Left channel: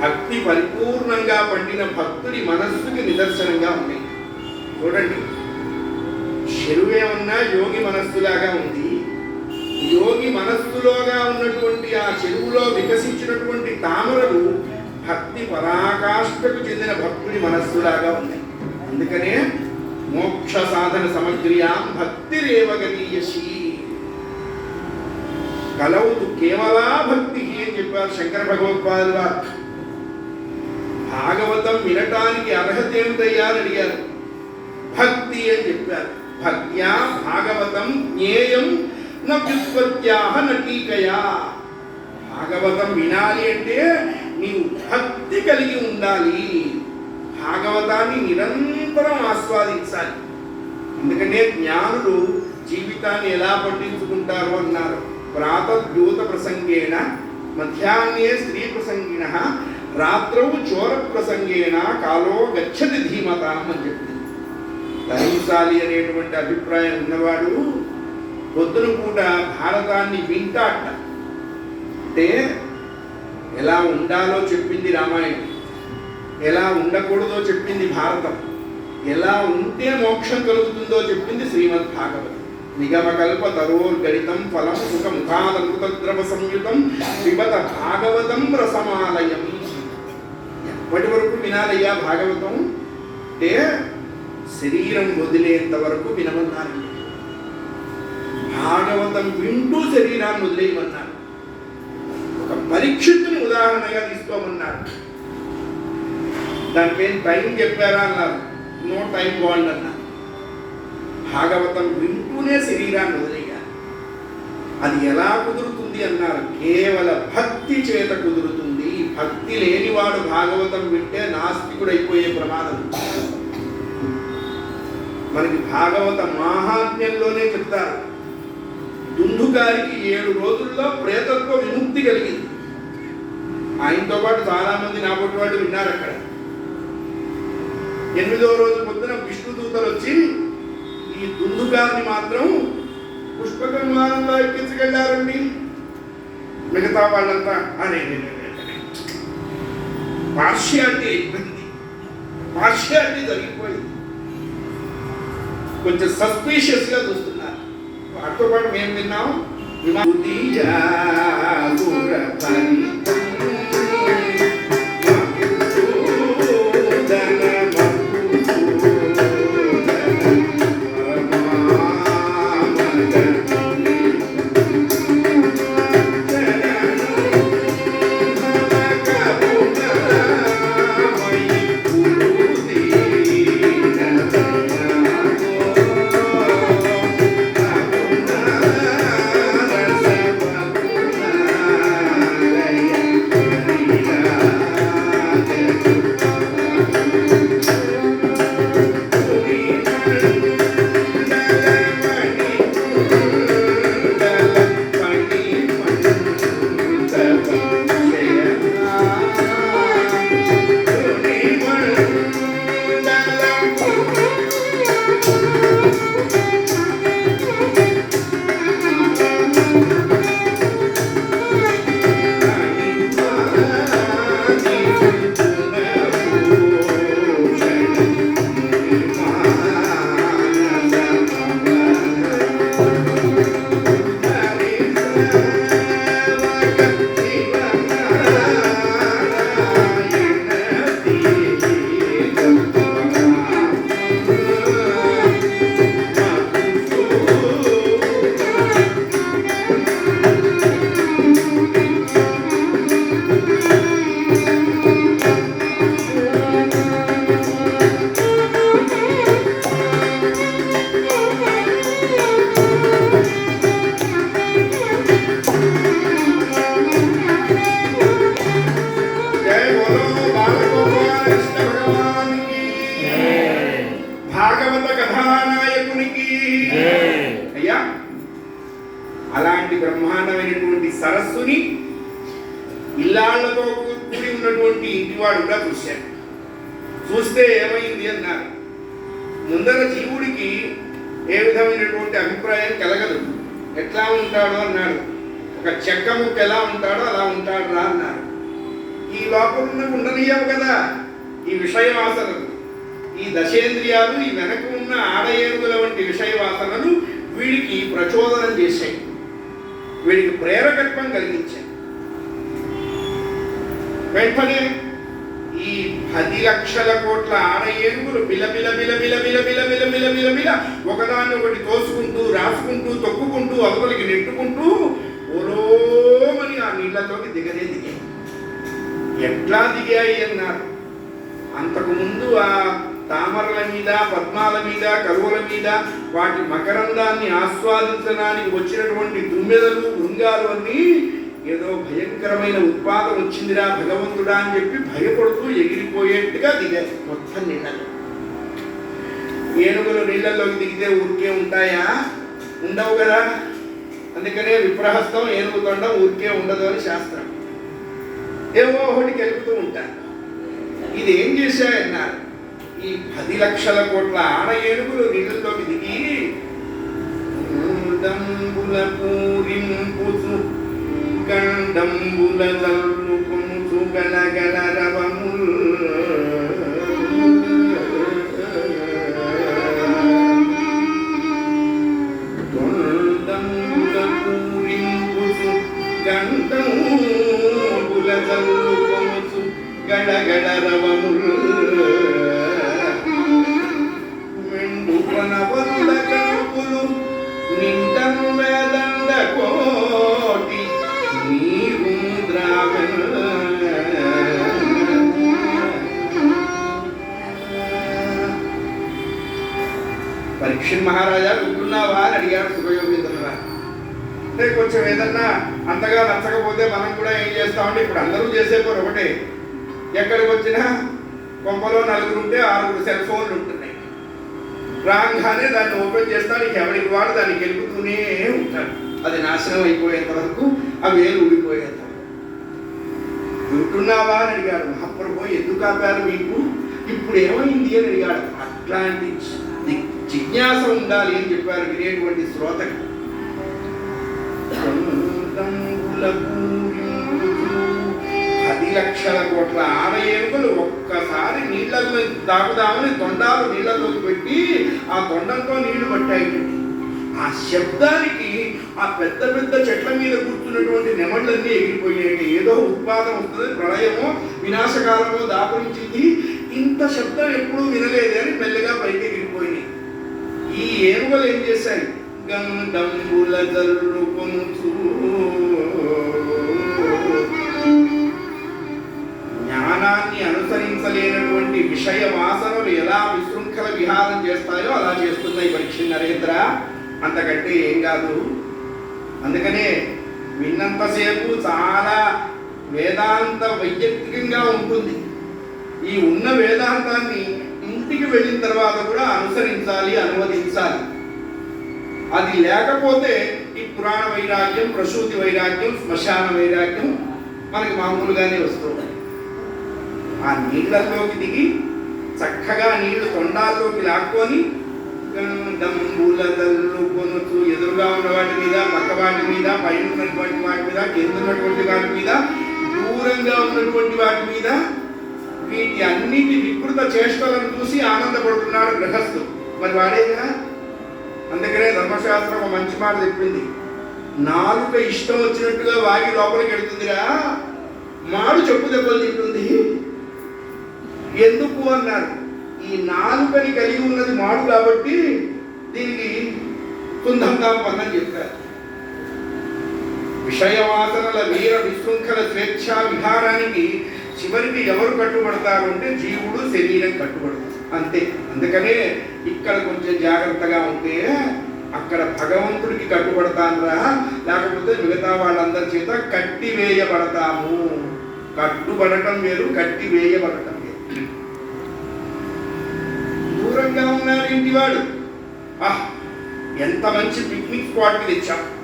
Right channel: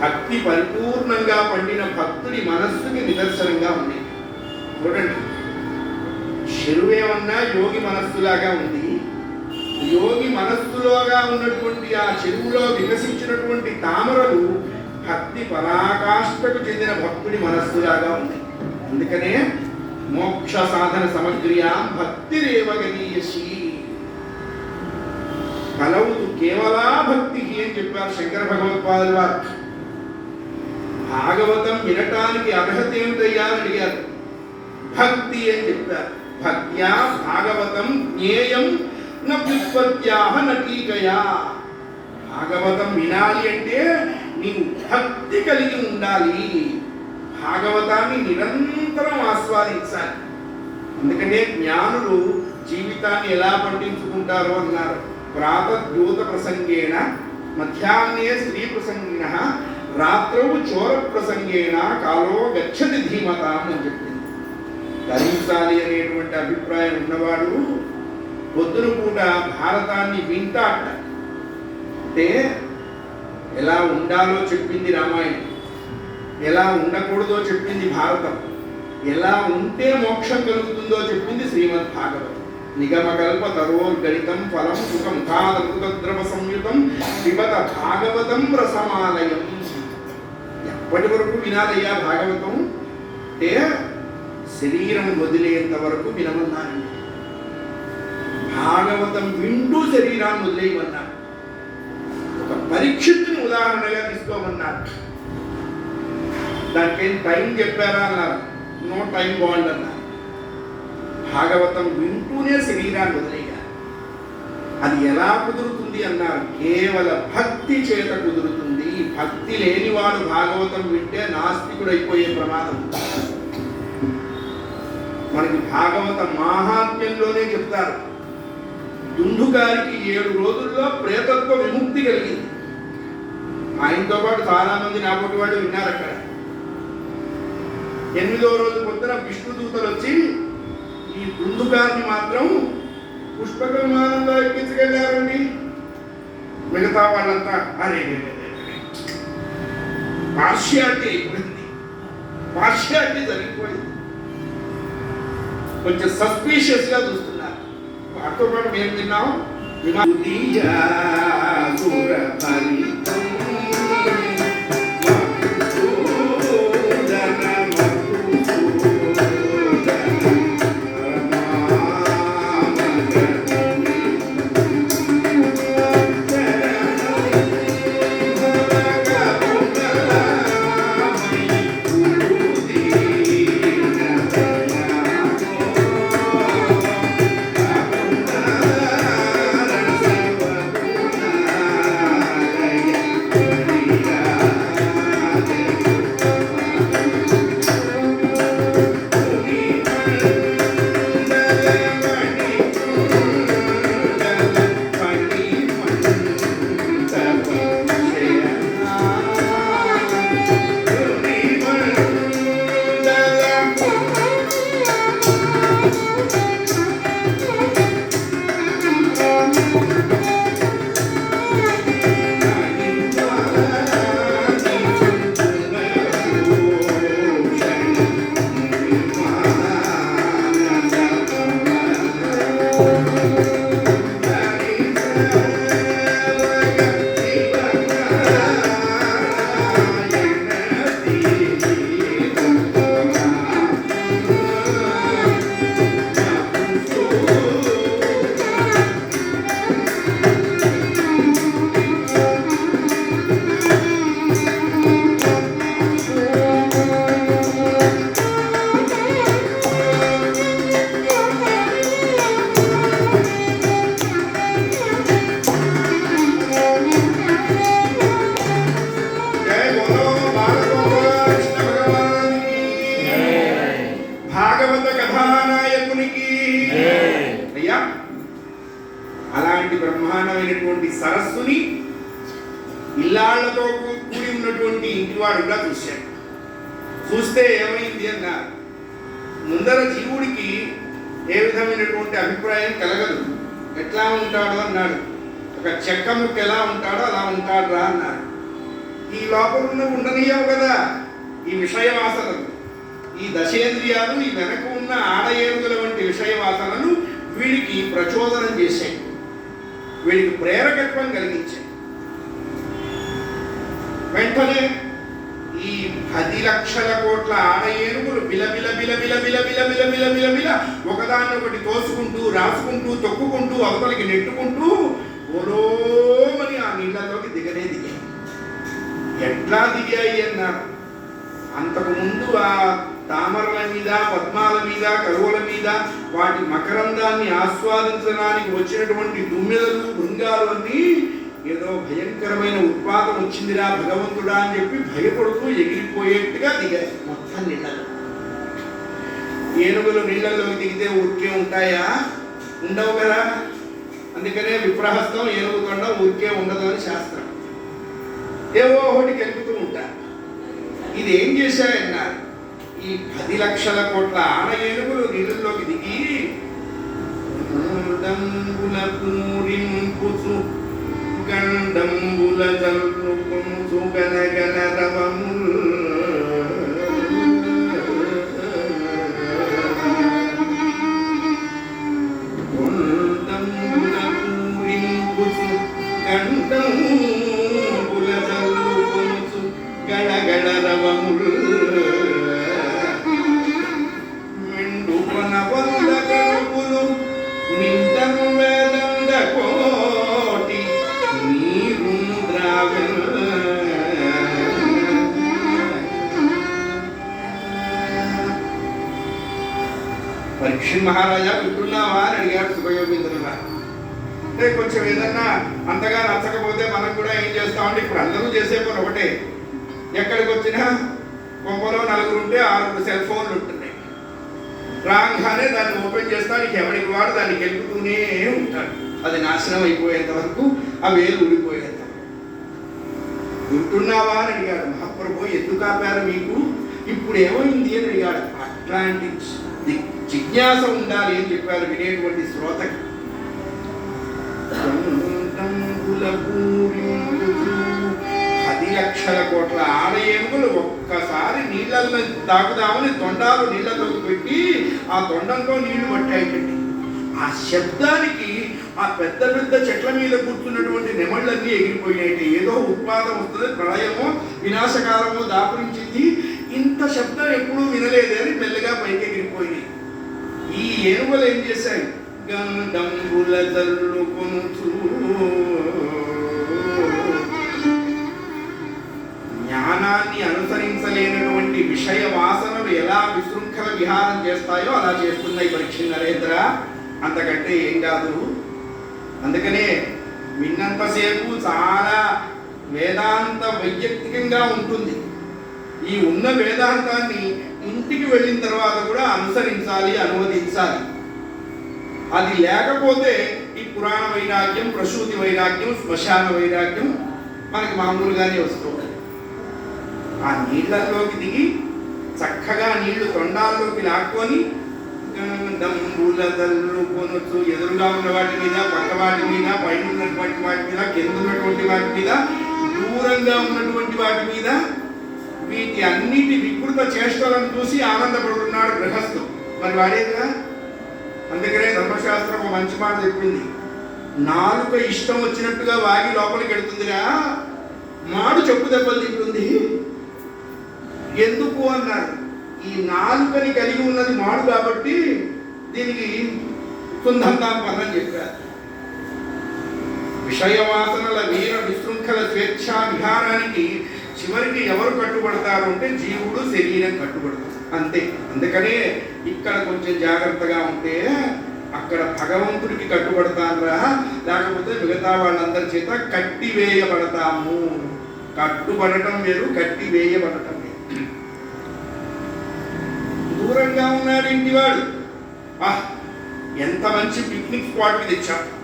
భక్తి పరిపూర్ణంగా పండిన భక్తుడి మనస్సుకి నిదర్శనంగా ఉన్నాయి చూడండి. చెరువేమన్నా యోగి మనస్సులాగా ఉంది. యోగి మనస్సులోగా ఉన్నటువంటి ఆ చెరువులో వికసించినటువంటి తామరలు భక్తి పరాకాష్ఠకు చెందిన భక్తుడి మనస్సులాగా ఉన్నాయి అందుకనే మోక్ష సాధన సమగ్రియా భక్తిరేవ రేవగనీయసి కలవుతు కేవలా భక్తి అని చెప్పారు శంకర భగవత్పాదుల. వారు భాగవతం వినటానికి అర్హత ఏమిటయ్యా అని అడిగారు. భక్తి అని చెప్పారు. భక్త్యా భాగవతం జ్ఞేయం నవ్యుత్పత్త్యాహ నటీకయా. భాగవతం వినాలి అంటే నీవు భక్తి కలిగి ఉండాలి. భాగవతాన్ని నిరంతరం ఆస్వాదించాలి. ఎందుకంటే జ్ఞానులు జీవితాన్ని ఎలా పట్టించుకుంటారో అన్నారు. ప్రాతద్యూత ప్రసంగేణ మధ్యాహ్నే స్త్రీ ప్రసంగిన రాత్రౌ చోర ప్రసంగేన కాలో గచ్చతి ధీమత అని చెప్పింది. తరించాలి అనేటువంటి అభిప్రాయం ఉన్నవాడు పొద్దున పూట భారతాన్ని వింటాట అంటే. ఎలా ఉండాలో చెప్పింది రామాయణం. ఎలా ఉండకూడదో చెప్పింది భారతం. ఎలా ఉంటే మోక్షం కలుగుతుందో చెప్పింది శ్రీమద్ భాగవతం నిగమకల్ప తరోర్గణితం ఫలం సుఖముఖాద్రవ సంయుతం పిబత భాగవతం రసమాలయం ఇప్పటి వరకు వినాలయ్యా భాగవతం. అంటే శరీరం వదిలేంత వరకు వినమన్నారండి. భాగవతం వింటూ శరీరాన్ని వదిలేయమన్నారు. ఒక పరీక్షిత్తుని ఉదాహరణగా తీసుకోమన్నారు. దానిపైన టైం చెప్పారా అన్నారు. నో టైం బాండ్ అన్నారు. భాగవతం వింటూనే శరీరాన్ని వదిలేయాలి. అది ఎలా కుదురుతుంది అన్నారు. కేవల భక్తి చేత కుదురుతుంది. భక్తి లేనివాడు భాగవతం వింటే నాస్తికుడు అయిపోయే ప్రమాదం. మనకి భాగవత మాహాత్మ్యంలోనే చెప్తారు. దుండుగారికి ఏడు రోజుల్లో ప్రేతత్వ విముక్తి కలిగింది. ఆయనతో పాటు చాలా మంది నాపటి వాళ్ళు విన్నారు అక్కడ. ఎనిమిదో రోజు పొద్దున విష్ణు దూతలు వచ్చి ఈ దుందుగారిని మాత్రం పుష్పకం విమానంలో ఎక్కించగలిగారండి మిగతా వాళ్ళంతా అరే పార్షియాలిటీ అయిపోయింది పార్షియాలిటీ జరిగిపోయింది. కొంచెం సస్పీషియస్గా చూస్తున్నారు. వాటితో పాటు మేము విన్నాం జై ముందర జీవుడికి ఏ విధమైనటువంటి అభిప్రాయం కలగదు. ఎట్లా ఉంటాడు అన్నాడు. ఒక చెక్క ముక్క ఎలా ఉంటాడో అలా ఉంటాడు రా అన్నారు ఈ లోపల ఉండనియవు కదా. ఈ విషయ వాసనలు ఈ దశేంద్రియాలు ఈ వెనక ఉన్న ఆడయేరుగుల వంటి విషయ వాసనలు వీడికి ప్రచోదనం చేశాయి. వీడికి ప్రేరకత్వం కలిగించాయి. వెంటనే పది లక్షల కోట్ల ఆడ ఏనుగులు బిలబిల బిలబిల బిలబిల బిలబిల బిలబిల ఒకదాన్ని ఒకటి కోసుకుంటూ రాసుకుంటూ తొక్కుకుంటూ అవతలికి నెట్టుకుంటూ ఓరోమని ఆ నీళ్ళలోకి దిగనే దిగాయి ఎట్లా దిగాయి అన్నారు అంతకుముందు ఆ తామరల మీద పద్మాల మీద కరువుల మీద వాటి మకరందాన్ని ఆస్వాదించడానికి వచ్చినటువంటి దుమ్మెదలు బృంగాలు అన్నీ ఏదో భయంకరమైన ఉత్పాదం వచ్చిందిరా భగవంతుడా అని చెప్పి భయపడుతూ ఎగిరిపోయేట్టుగా దిగారు. మొత్తం నీళ్ళలో ఏనుగులు నీళ్ళలోకి దిగితే ఊరికే ఉంటాయా? ఉండవు కదా. అందుకనే విప్రహస్తం ఏనుగు తొండం ఊరికే ఉండదు అని శాస్త్రం. ఏవో ఒకటి కలుపుతూ ఉంటారు. ఇది ఏం చేశాయన్నారు? ఈ పది లక్షల కోట్ల ఆడ ఏనుగులు నీళ్ళలోకి దిగి దంబుల పూరింపుచు గండంబుల జల్లుకుంచు గలగల రవముల్ కృష్ణ మహారాజా గుర్తున్నావా అని అడిగాడు సుఖయోగేంద్ర అంటే కొంచెం ఏదన్నా అంతగా నచ్చకపోతే మనం కూడా ఏం చేస్తామంటే ఇప్పుడు అందరూ చేసే పని ఒకటే. ఎక్కడికి వచ్చినా కొంపలో నలుగురు ఉంటే ఆరుగురు సెల్ ఫోన్లు ఉంటున్నాయి. రాగానే దాన్ని ఓపెన్ చేస్తానికి ఎవరికి వాడు దాన్ని గెలుపుతూనే ఉంటాడు. అది నాశనం అయిపోయేంత వరకు ఆ వేలు ఊడిపోయేంత వరకు. వింటున్నావా అని అడిగాడు. మహాప్రభు ఎందుకు ఆపారు మీకు? ఇప్పుడు ఏమైంది అని అడిగాడు. అట్లాంటి జిజ్ఞాస ఉండాలి అని చెప్పారు వినేటువంటి శ్రోతకు పది లక్షల కోట్ల ఆడ ఏనుగులు ఒక్కసారి నీళ్ళల్లో తాగుదామని తొండాలు నీళ్ళలోకి పెట్టి ఆ తొండంతో నీళ్ళు పట్టాయిటండి. ఆ శబ్దానికి ఆ పెద్ద పెద్ద చెట్ల మీద కూర్చున్నటువంటి నెమళ్ళన్నీ ఎగిరిపోయాయి ఏదో ఉత్పాదం వస్తుంది ప్రళయమో వినాశకాలమో దాపురించింది. ఇంత శబ్దం ఎప్పుడూ వినలేదే అని మెల్లగా పైకి ఈ ఏనుగులు ఏం చేశాయి? గండంబుల జల్లుకొనుచు జ్ఞానాన్ని అనుసరించలేనటువంటి విషయ వాసనలు ఎలా విశృంఖల విహారం చేస్తాయో అలా చేస్తున్నాయి పరీక్ష నరేంద్ర అంతకంటే ఏం కాదు. అందుకనే విన్నంతసేపు చాలా వేదాంత వైయక్తికంగా ఉంటుంది. ఈ ఉన్న వేదాంతాన్ని ఇంటికి వెళ్ళిన తర్వాత కూడా అనుసరించాలి అనువదించాలి. అది లేకపోతే ఈ పురాణ వైరాగ్యం ప్రసూతి వైరాగ్యం శ్మశాన వైరాగ్యం మనకి మామూలుగానే వస్తుంది ఆ నీళ్ళల్లోకి దిగి చక్కగా నీళ్ళు తొండాల్లోకి లాక్కొని దంబుల దల్లు ఎదురుగా ఉన్న వాటి మీద పక్క వాటి మీద పైన ఉన్నటువంటి వాటి మీద కింద ఉన్నటువంటి వాటి మీద దూరంగా ఉన్నటువంటి వాటి మీద వీటి అన్నిటి వికృత చేష్టలను చూసి ఆనందపడుతున్నాడు గృహస్థు. మరి వాడేగా అందుకనే ధర్మశాస్త్రం ఒక మంచి మాట చెప్పింది. నాలుక ఇష్టం వచ్చినట్టుగా వాగి లోపలికి వెళుతుందిరా. మాడు చెప్పు దెబ్బలు తింటుంది. ఎందుకు అన్నారు? ఈ నాలుకని కలిగి ఉన్నది మాడు కాబట్టి దీనికి కుందంగా పని చెప్పారు. విషయవాసనల వీర విశృంఖల స్వేచ్ఛ విహారానికి చివరికి ఎవరు కట్టుబడతారు అంటే జీవుడు శరీరం కట్టుబడదు. అంతే. అందుకనే ఇక్కడ కొంచెం జాగ్రత్తగా ఉంటే అక్కడ భగవంతుడికి కట్టుబడతానరా లేకపోతే మిగతా వాళ్ళందరి చేత కట్టి వేయబడతాము కట్టుబడటం వేరు కట్టి వేయబడటం వేరు. దూరంగా ఉన్నాడు ఇంటివాడు. ఎంత మంచి పిక్నిక్ స్పాట్లు ఇచ్చాం